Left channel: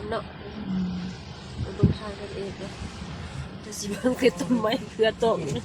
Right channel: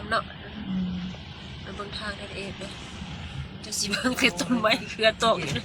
ามเนาะมันบนทางเด็ดเลยจะสิบังเกิดต้นไม้เครือตกอยู่นะ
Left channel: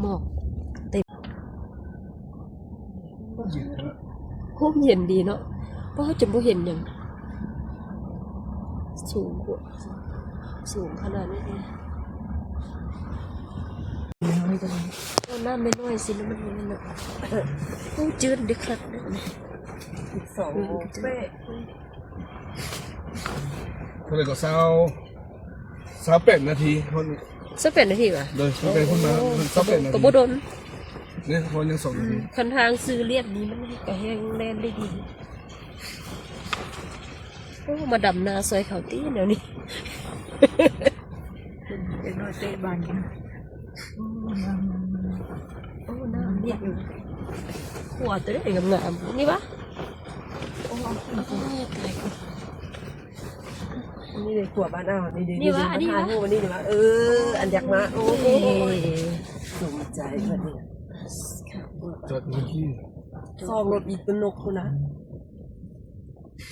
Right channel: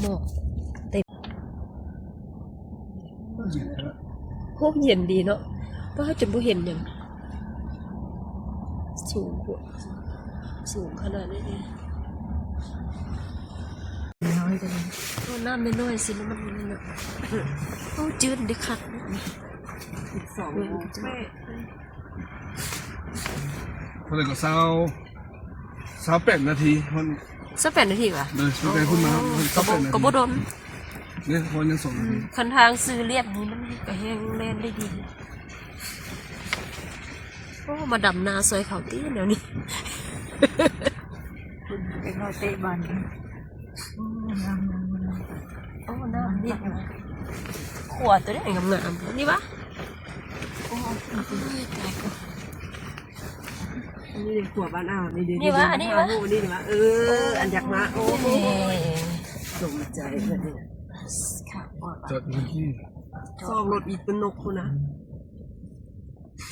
หมอกเต็มโหเย็นดีเนาะป้าจะบ่เห็นอย่างสูงกว่าสูงขนาดนี้เองน้อยจังน้ำไม่น้อยสิแล้วมันเนาะโอ้จืดดิคักเนี่ย2 เป๊ะคนเลยก็28 นาทีคน28 นาทีว่ะเลยตั้งแต่คนมา28 นาทีก็บ่โดนเนี่ยคนยัง2 นาทีคันทางซื้อเลียบนี้มันก็แห้งแล่นได้ดีโอ้มาดำนาซอยเขาตีเดี๋ยวนี้เป็นนอเตบันโอ้น้ำนิดอยู่ขวดตัวนี้งามๆนี่ปะโอ้ยตายนี่เลยขวบบ้านอ้าวนี่วะอันนี้วะนี่วะอันอยากมาโอ้ลงใจเพื่อนนี่จอดอยู่ที่ซ่อมรถอีกเป็นนกคุณนะ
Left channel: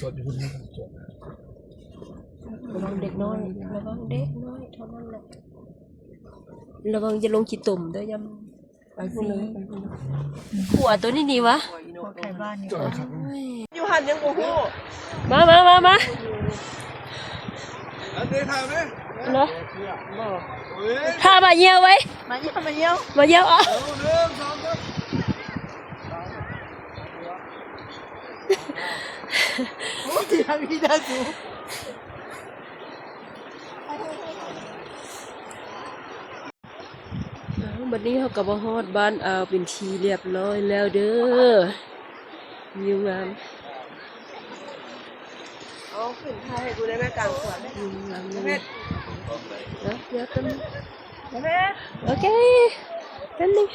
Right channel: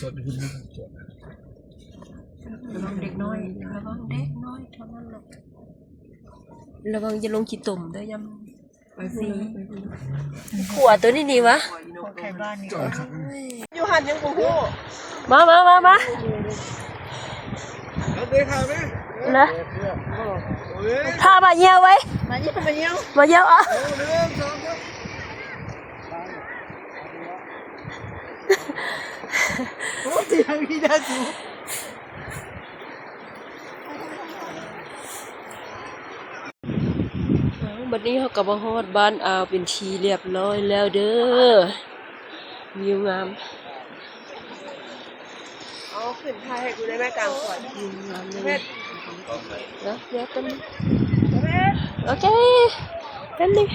จอดอยู่ที่จอดระวังเด็กน้อยระวังเด็กน้อยเท่านั้นแหละระวังจะลงขี้ตุ่มด้วยยำไปสิขวดตัวนี้นี่วะจอดครับอยู่หันยังกูฮู้มาเด็กค่ะแม่นะพามาเยี่ยวไว้มาเยี่ยวอ่ะโอ้ที่ทำพี่ได้จูบัดนี้เขาก็มาฮอดบ้านอาวเป็นทีเรียบร้อยแล้วเด้อวิวงามเอาขึ้นท้ายให้กูได้แม่กลางขวดวิวงามเลยเดี๋ยวกันแม่โอเคแป๊บนึง